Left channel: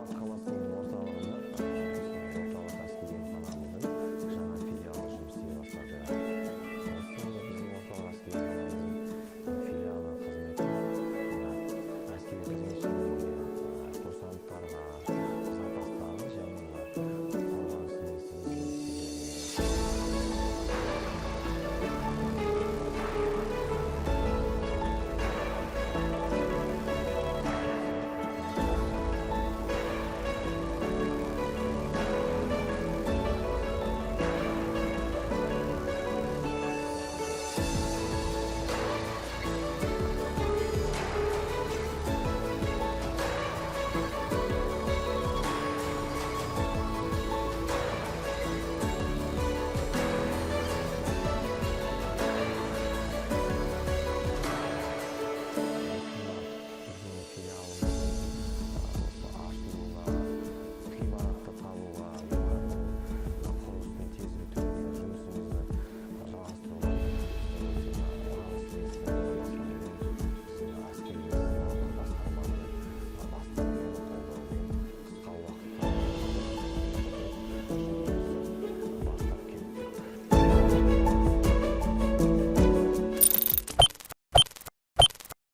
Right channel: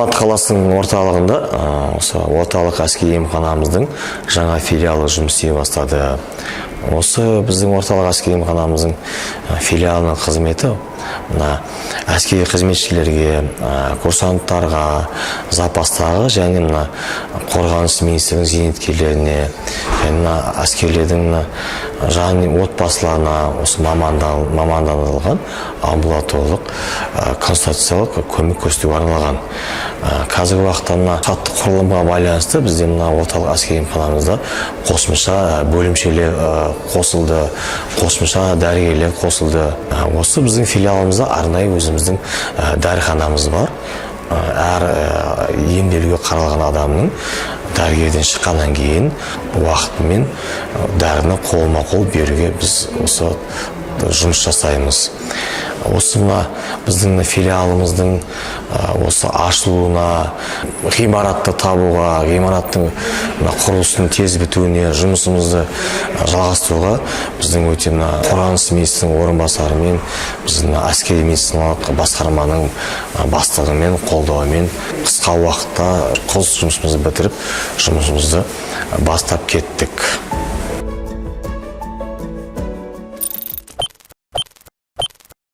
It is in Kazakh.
Алматы қаласының орталығында осы орталық әскери емханамыздың жаңа филиалы жұмыс істей бастады. Осы біздің орталық әскери емханамыздың филиалының қызметі әскери қызметшілерге, курсанттарға, запастағы және қорғаныс министрлігінің зейнеткерлеріне, және әскерлердің отбасыларына осы мамандандырылған амбулаторлық консультациялық көмек көрсетуге арналған. Қазіргі уақытта штаттық құрылымға байланысты бізде орталық әскери емханамызда қосымша бөлімшелер қосылды, қосымша дәрігерлер қосылды. Осы біздің филиалымызда арнайы өзіміздің дәріханамыз бар. Әр емделуге қаралған адамның дәрігерден шыққаннан кейін уақытымен дәріні қолма-қол беруге біз осы жұмыс жасаймыз. Осы біздің филиалымыздың осы ашылуына, ғимаратты табуға, ғимараттың құрылысының тез бітуіне, жұмысымызды жалғастыруға біздің өте қорғаныс министрінің орынбасарымен, біздің әскери медициналық басқарманың бастығымен, қолдауымен қысқа уақытта құрылыс жұмысымызды бітіріп, жұмысымызды бастап кеттік.